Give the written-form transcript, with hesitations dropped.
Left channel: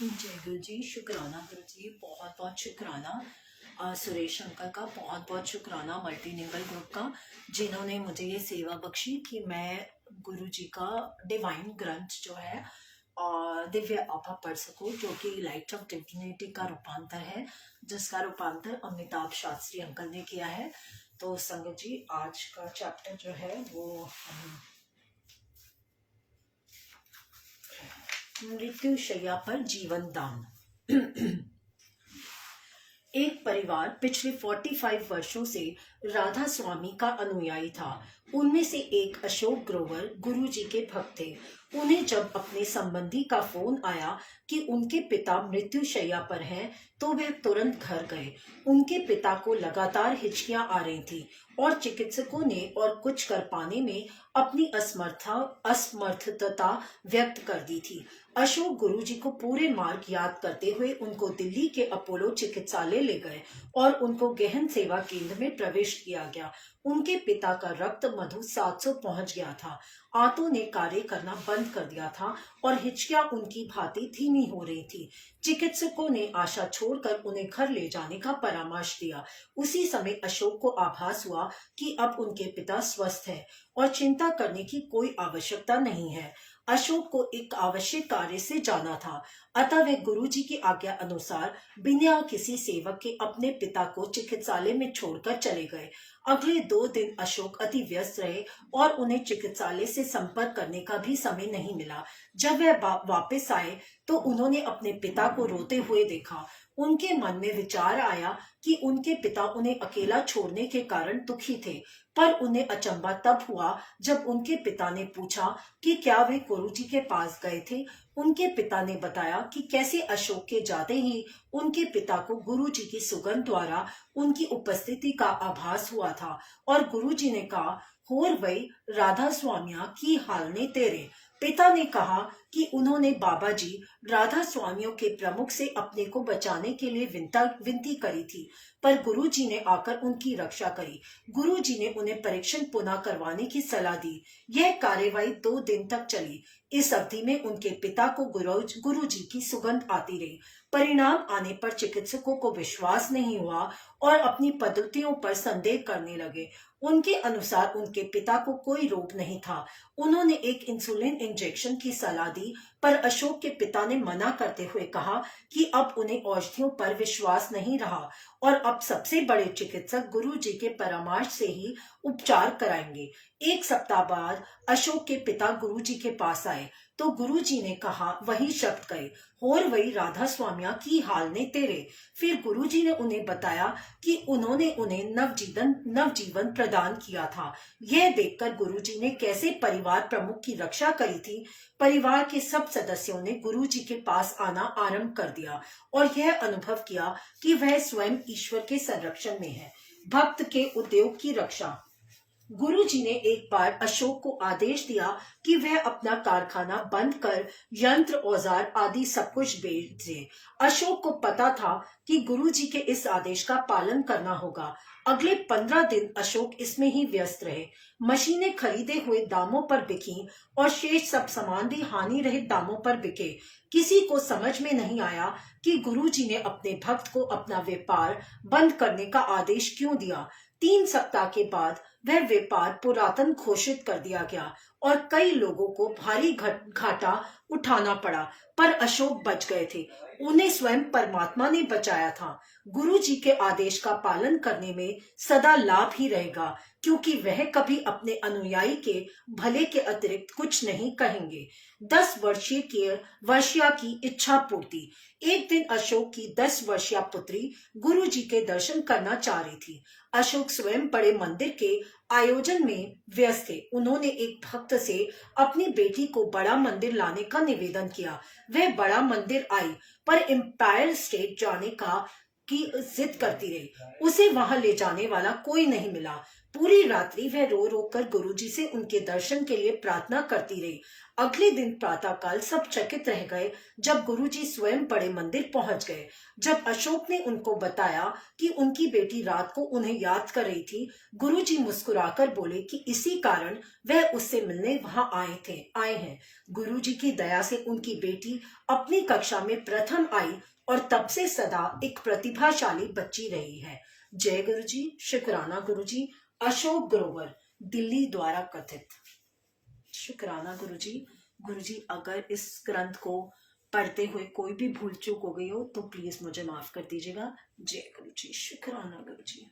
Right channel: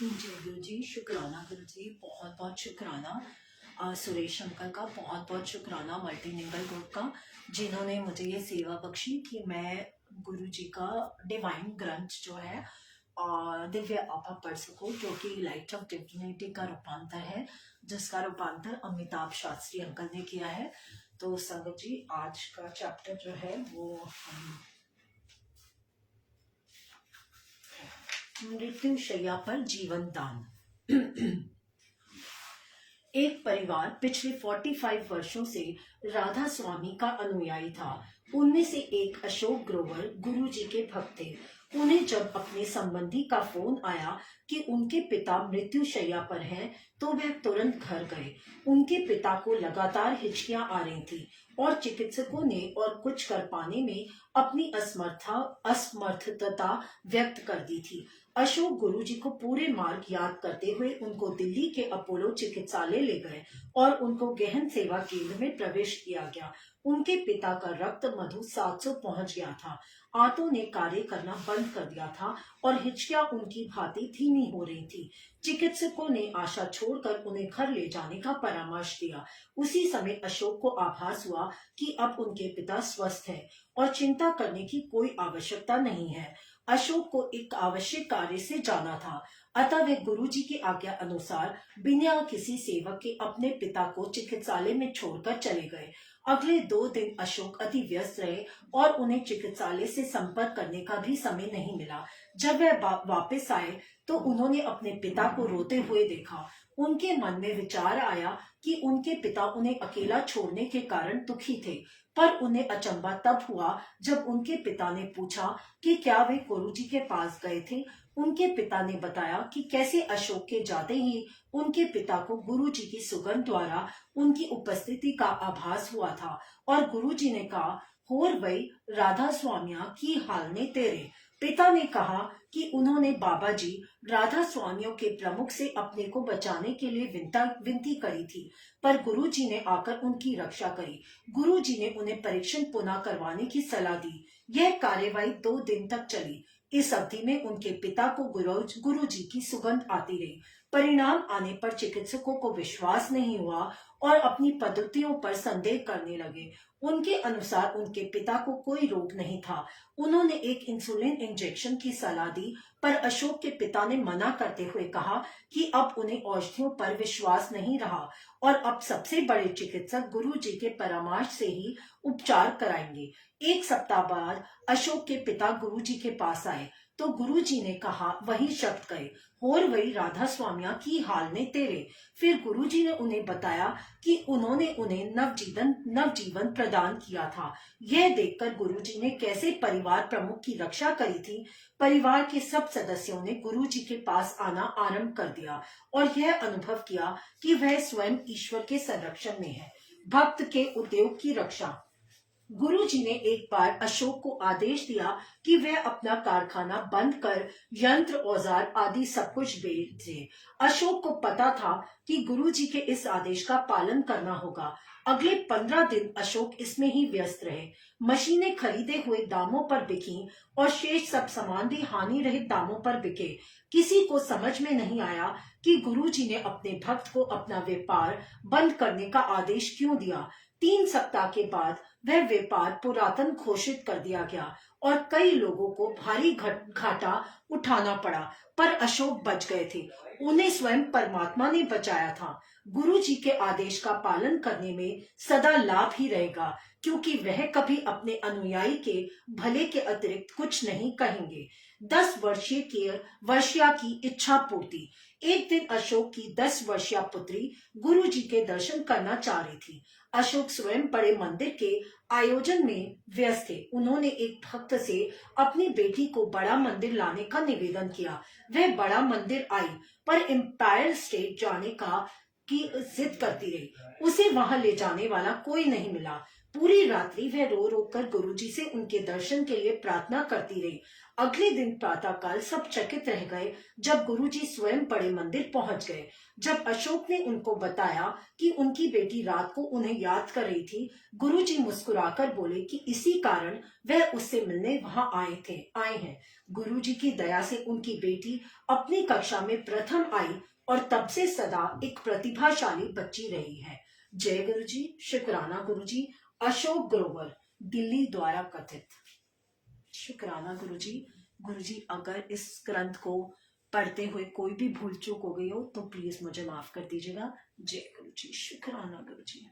जय गुरु जी, शुक्राना गुरु जी, बहुत बहुत शुक्राना सुरेश अंकल का, बहुत बहुत शुक्राना मल्टीलिंगुअल ग्रुप का, जिन्होंने मुझे ये सेवा बख्शी कि मैं गुरु जी का डिवाइन ग्रंथ जो है दिव्य आभा पढ़ सकूं, जो कि लाइट ऑफ डिविनिटी का रूपांतर है, जिसका रूपांतर अमिताभ शास्त्री अंकल ने किया है। तो संगत जी, आज का चैप्टर जो है वो हम मृत्यु शैया पर जीवन दान। एक परिवार पिछले 45 वर्षों से राधा स्वामी का अनुयायी था। उनमें से एक अशोक ग्रोवर गुरुजी के भक्त थे। उन्हें जब अपने संबंधी का फोन आया कि उनके पिता मृत्यु शैया पर हैं, तो वह तुरंत घर गए। उनके पिता को लगातार हिचकियां आ रही थी और चिकित्सकों ने और कुछ कर पाने में अपनी असमर्थता व्यक्त कर दी थी। अशोक गुरुजी को पूरे मार्ग याद करते हुए उनको दिल्ली के अपोलो चिकित्सालय ले गए और उनको गहन सेवा केंद्र में प्रवेश किया गया। उनके पिता का रक्त मधु 700 पहुंच गया था। आंतों ने कार्य करना बंद कर दिया था और हिचकियां उनकी भांति धीमी हो रही थी। चिकित्सकों ने आशा छोड़कर उन्हें घर ले जाने का परामर्श दिया। उसी समय अशोक को आभास हुआ कि अब उनके पिता स्वस्थ हैं और चिंता करने की कोई आवश्यकता नहीं है। अशोक को एक आवश्यक कार्य से जाना था, अतः वे गुरुजी की आज्ञा अनुसार बिना किसी सेवक के अपने पिता को चिकित्सालय में छोड़कर चले गए। अगले 2 दिन अशोक अति व्यस्त रहे और उन्हें चिकित्सालय से संपर्क करने का भी समय नहीं मिला। जब वह वापस आए तो उन्होंने अपने पिता को रोते हुए देखा। उनके मन में विचार आया कि उनके पिता उन्हें अकेला छोड़ने के कारण दुखी थे, पर उन्हें अचंभा तब हुआ जब उनके पिता ने पूछा कि क्या वे गुरुजी के पास गए थे। उनके पिता ने बताया कि कैसे अशोक के जाते ही उनके पिता को गुरुजी की सुगंध द्वारा उनकी उपस्थिति का आभास हुआ था और गुरुजी ने कहा, होर वही राधा स्वामिया की हाल ने तेरे। पिता ने कहा कि उन्होंने बाबा जी राधा स्वामियों के प्रमुख से अपने को बचाने के लिए विनती करी थी, पर गुरुजी ने आकर उनकी रक्षा करी। गुरुजी ने उन्हें परीक्षण पुनः करवाने की सलाह दी। यह कार्यवाही 2 दिन तक चली। इस अवधि में उनके पिता को गुरुजी की सुगंध आती रही। परिणाम आने पर चिकित्सकों को विश्वास नहीं हुआ और अपनी पद्धतियों पर संदेह करने लगे। उनके अनुसार उनके पिता को कोई रोग नहीं था। उन्होंने एक इंसुलिन इंजेक्शन की सलाह दी, पर अशोक के पिता ने मना करते हुए कहा कि अब उन्हें औषधियों पर विश्वास नहीं रहा और अब सबसे बड़े चिकित्सक गुरुजी के परामर्श से ही उपचार कराएंगे। 1 सप्ताह बाद अशोक के पिता गुरुजी के पास आए तो गुरुजी ने कहा वही शब्द कहे, होर वही राधा स्वामिया की हाल ने तेरे। फिर गुरुजी ने उन्हें बताया कि उन्होंने उन्हें नवजीवन प्रदान किया था। यह देखकर गुरुजी ने कैसे परिवार प्रमुख की रक्षा करी थी। परिवार के सब सदस्यों ने गुरुजी के पास आना आरंभ कर दिया और यह अनुभव किया कि वह स्वयं ईश्वर के संरक्षण में है। भक्त के उद्योग की रक्षा। गुरुजी ने एक बार अशोक को आदेश दिया कि वह अपना कारखाना बंद कर यंत्र औजार आदि सब कुछ बेच दे। अशोक को पता था कि गुरुजी के इस आदेश का पालन करना होगा। अगले 15 दिन अशोक इसमें ही व्यस्त रहे। मशीनें खरीदे हुए दामों पर बिकी और शेष सब सामान भी हानि रहित दामों पर बिके। किसी को समझ में नहीं आया कि गुरुजी ने अपने भक्त को अपना व्यापार बंद करने का आदेश क्यों दिया। 3 सप्ताह के बाद वह व्यापार पुरातन घोषित कर दिया गया और कई लोगों को भारी घाटा उठाना पड़ा, पर अशोक बच गए थे। उन्हें स्वयं परमात्मा ने बचाया था। गुरु जी के आदेश का पालन करने में सदा लाभ ही रहेगा, क्योंकि वह कभी अपने अनुयायी के भले के अतिरिक्त कुछ नहीं कहेंगे। 10 वर्षीय की इच्छा पूर्ति। एक दिन अशोक की 10 वर्षीय पुत्री गुरु जी के दर्शन करना चाह रही थी। अशोक स्वयं बड़े मंदिर के आयोजन में व्यस्त थे। उन्होंने एक भक्त से अपनी बेटी को बड़ा मंदिर लाने का निवेदन किया। वह बड़ा मंदिर आई, पर एम्पायर स्टेट जाने की जिद करती रही। उसे वहां ले जाने वाला कोई नहीं मिला। पूरी रात्रि वह रो रो कर गुरुजी से उनके दर्शन के लिए प्रार्थना करती रही। अगले दिन प्रातःकाल सब चकित रह गए जब गुरुजी स्वयं बड़े मंदिर पहुंच गए। जब अशोक ने उनको बताया कि उनकी बेटी रात को उन्हें याद कर रही थी, गुरुजी मुस्कुराकर बोले कि इसी कारण वह उससे मिलने वहां आए हैं। गुरुजी की दया से उनकी बेटी अपनी कक्षा में प्रथम आई और तब से सदा एक प्रतिभाशाली बच्ची रही है। जय गुरुजी, शुक्राना गुरुजी। अशोक ग्रोवर, दिल्ली द्वारा कथित। शुक्राना गुरुजी। गुरुजी, अगर इस ग्रंथ को पढ़ते हुए कोई भी भूल चूक हो गई हो तो प्लीज मुझे माफ कर दीजिएगा। जय गुरुजी, शुक्राना गुरुजी।